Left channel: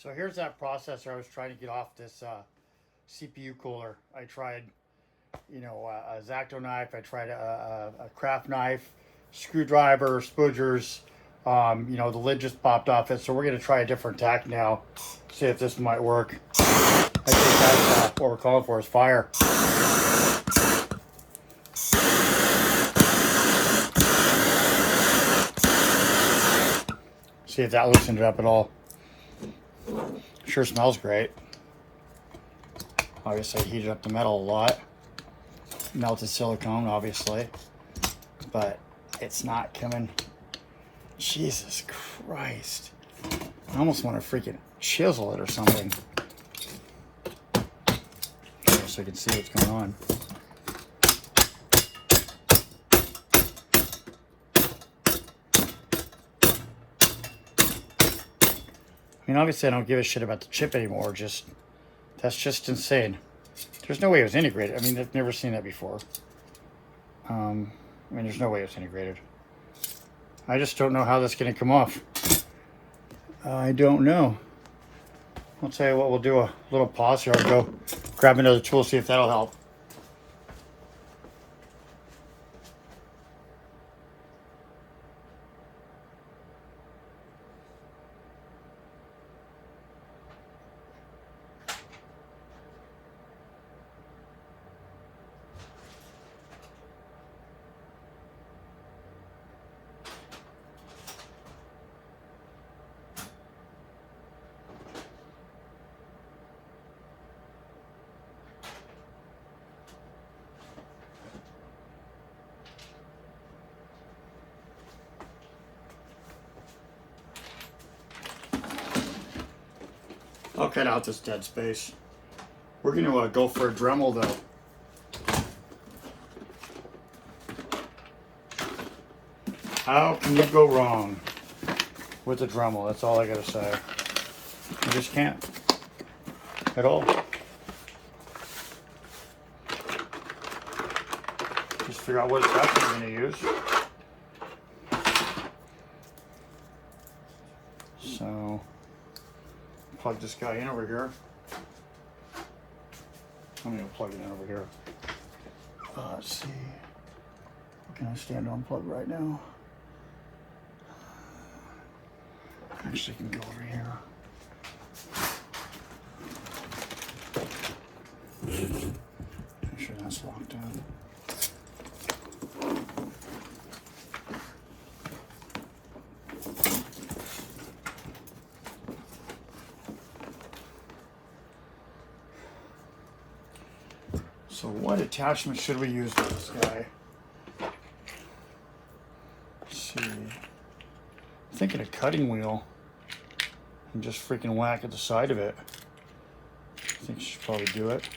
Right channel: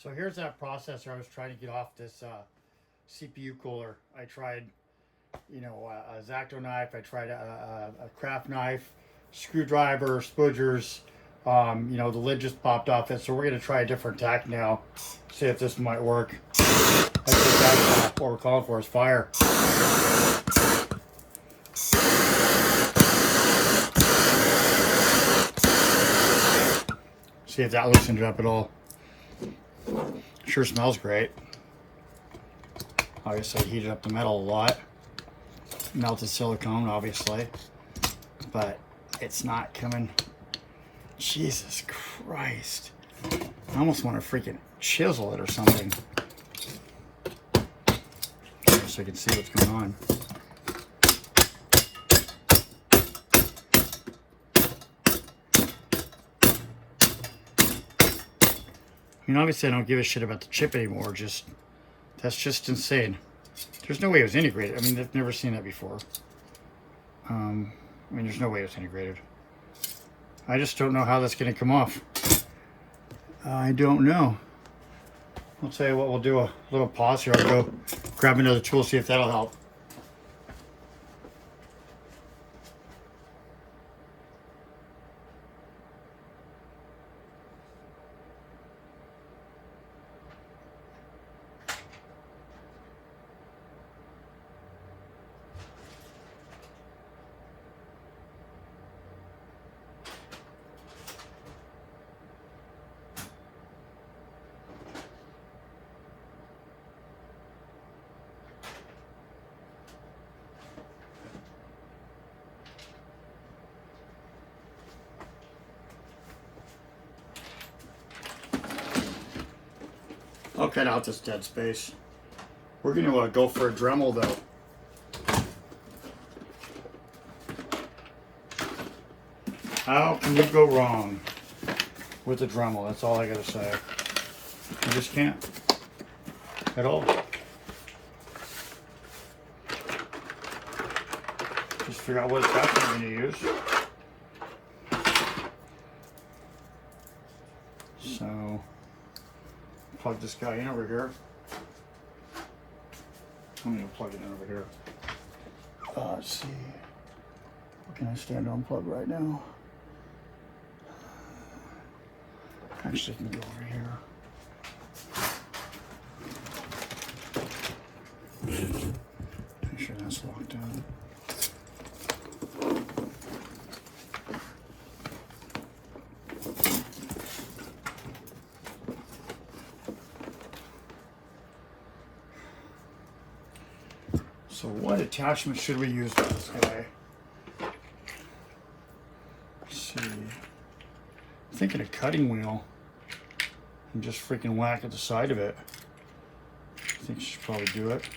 So here's that processor I was trying to get off this CPU cooler. I tried, a X-Acto knife. I tried a craft knife, screwdriver, spudgers. The lid just popped off it. So we're gonna try a different tack now. See if this might work. I think that's what we're calling for is fire. See if that loosened it up at all. Sure smells great. Obviously heated up the metal a lot. Melted silicone, obviously. But it's not coming. Jesus Christ. I almost want to freaking chisel it or something. So you can see what's going on. I mean, obviously I don't give a shit about the chip anymore. That's just insane. There's no way it was integrated. I mean, I've never seen that before. There's no way it was integrated. I just don't know how that's going to come off. I don't know. I'll tell you what, we'll do a little pause here. I'll go grab another tool, see if that'll help. I'll cut out this dead space. We're going to go for a Dremel though. How can you go wrong with the Dremel? That's all I gotta say. You just can't at all. Just figure out what attachment you're going to use. So, plug this guy in over here. I'm going to plug it in over here. Let's see. Can I stand unplug right now? Actually, I can go over here. Make sure that's locked down. So what attachment should we use for this guy? Let's see. I'm thinking a cutting wheel and just freaking whack at the side of it. I think I should probably do it.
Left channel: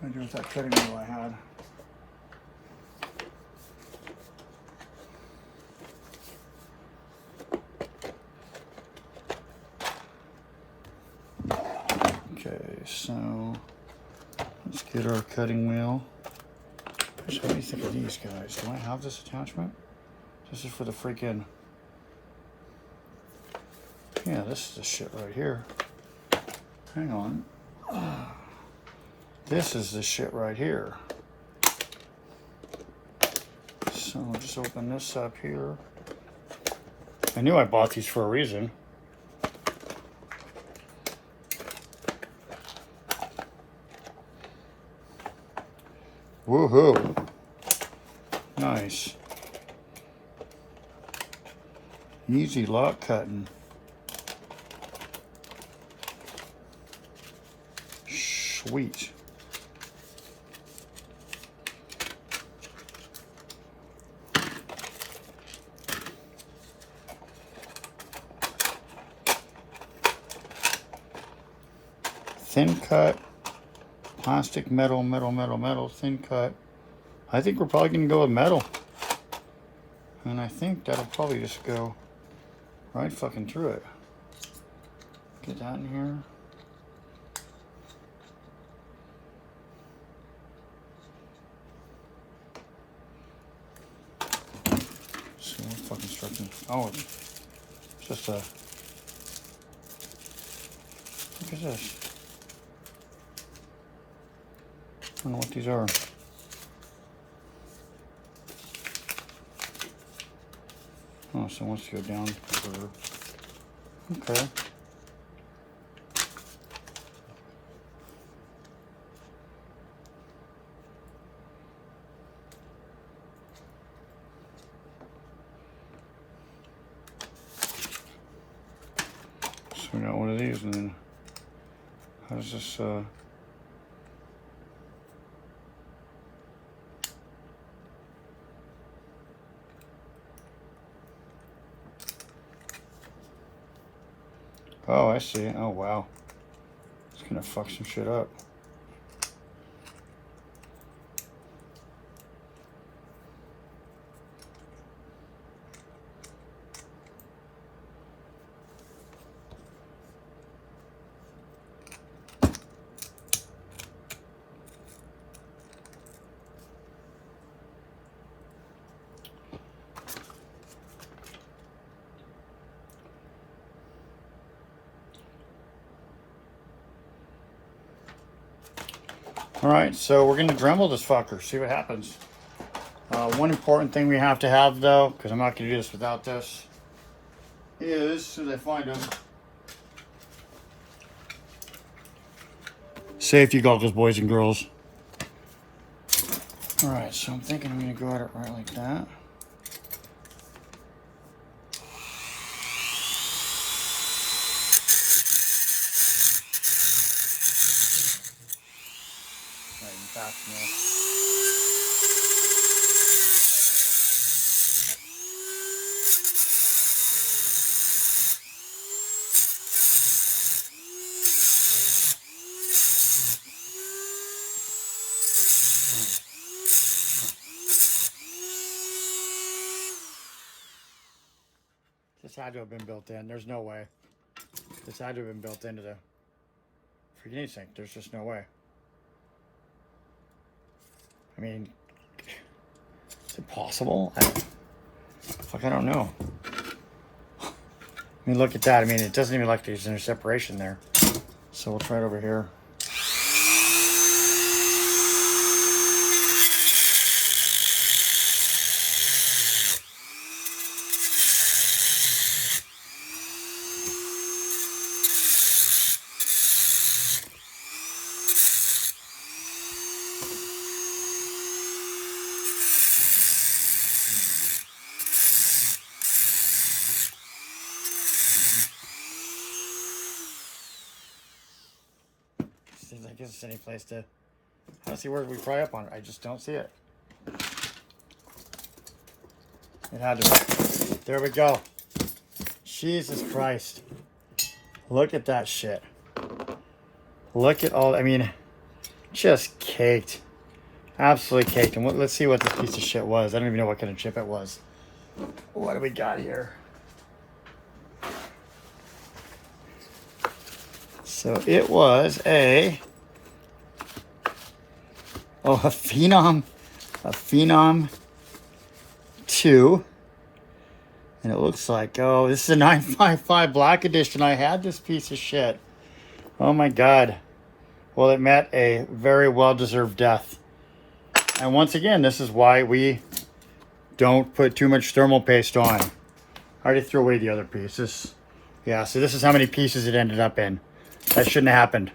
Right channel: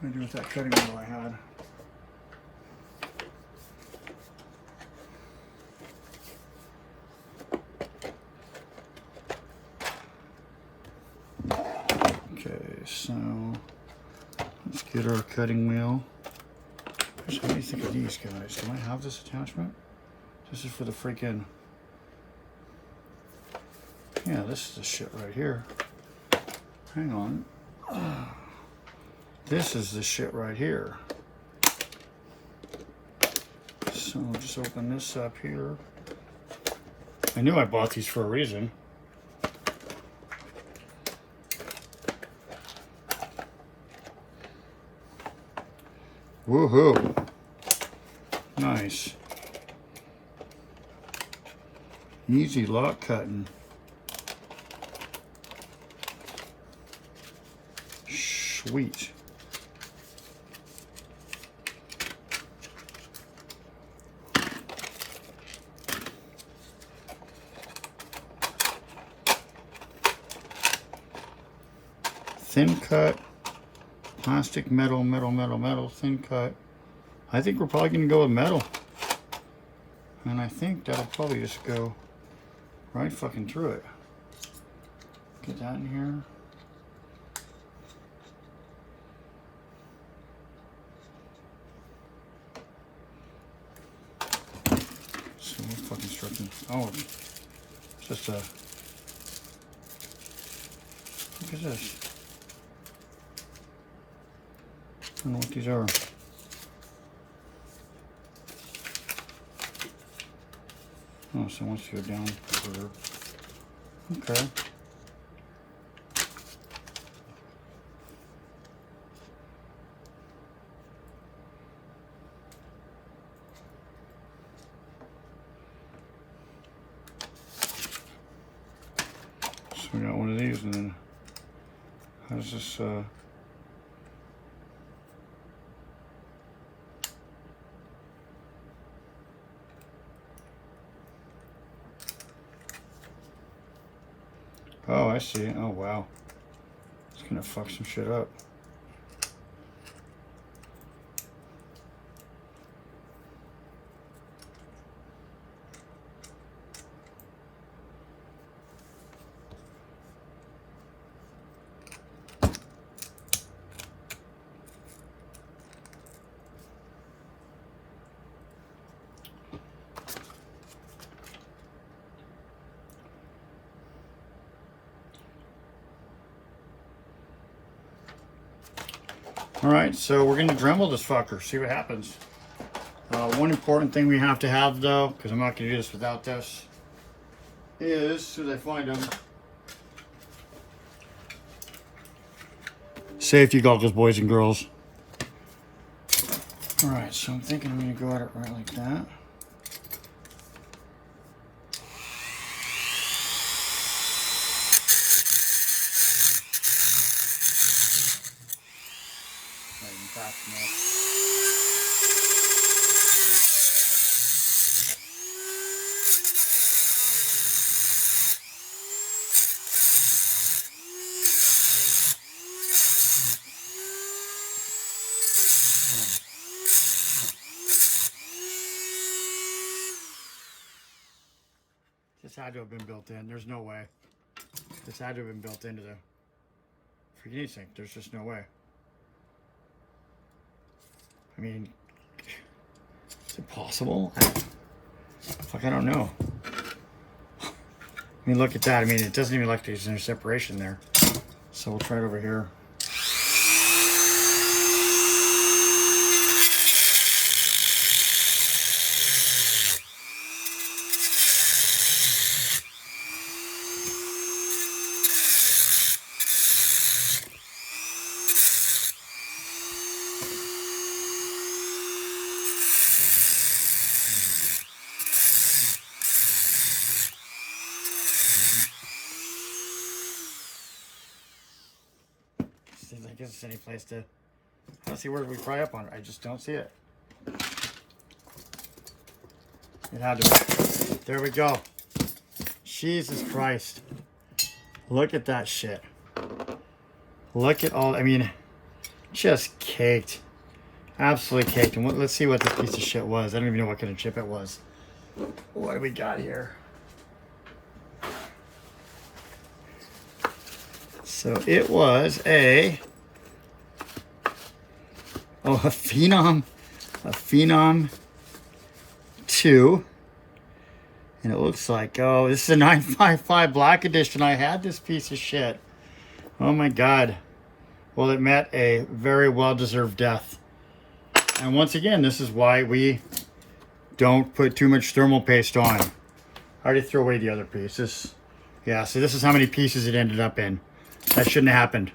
What do I do with that cutting wheel I had? Okay, so let's get our cutting wheel. Gosh, what do you think of these guys? Do I have this attachment? This is for the freaking... Yeah, this is the shit right here. Hang on. This is the shit right here. So I'll just open this up here. I knew I bought these for a reason. Woohoo! Nice. Easy lock cutting. Sweet. Thin cut. Plastic, metal, thin cut. I think we're probably going to go with metal. And I think that'll probably just go right fucking through it. Get that in here. So what fucking stripping? Oh, it's just a What is this? I don't know what these are. Oh, so it wants to go down further. Okay. So we got one of these, and then how does this oh, I see. Oh, wow. It's gonna fuck some shit up. Alright, so we're going to Dremel this fucker, see what happens. One important thing we have to have, though, because I'm not going to do this without this, is, as soon as I find them, safety goggles, boys and girls. Alright, so I'm thinking I'm going to go at it right like that. This had to have been built in. There's no way. This had to have been built into the freaking heat sink. There's just no way. I mean, is it possible? I don't know. I mean, look at that. I mean, it doesn't even look like there's any separation there. So we'll try it over here. I guess it's any place to. Let's see where we pry up on it. I just don't see it. It had to. There we go. Jesus Christ. Look at that shit. Look at all. I mean, just caked. Absolutely caked. And let's see what this piece of shit was. I don't even know what kind of chip it was. What do we got here? So it was a Phenom 2, and it looks like, oh, this is a 955 Black Edition. I had this piece of shit. Oh my God. Well, it met a very well-deserved death. And once again, this is why we don't put too much thermal paste on. I already threw away the other pieces. Yeah, so this is how many pieces it ended up in. That shouldn't have happened.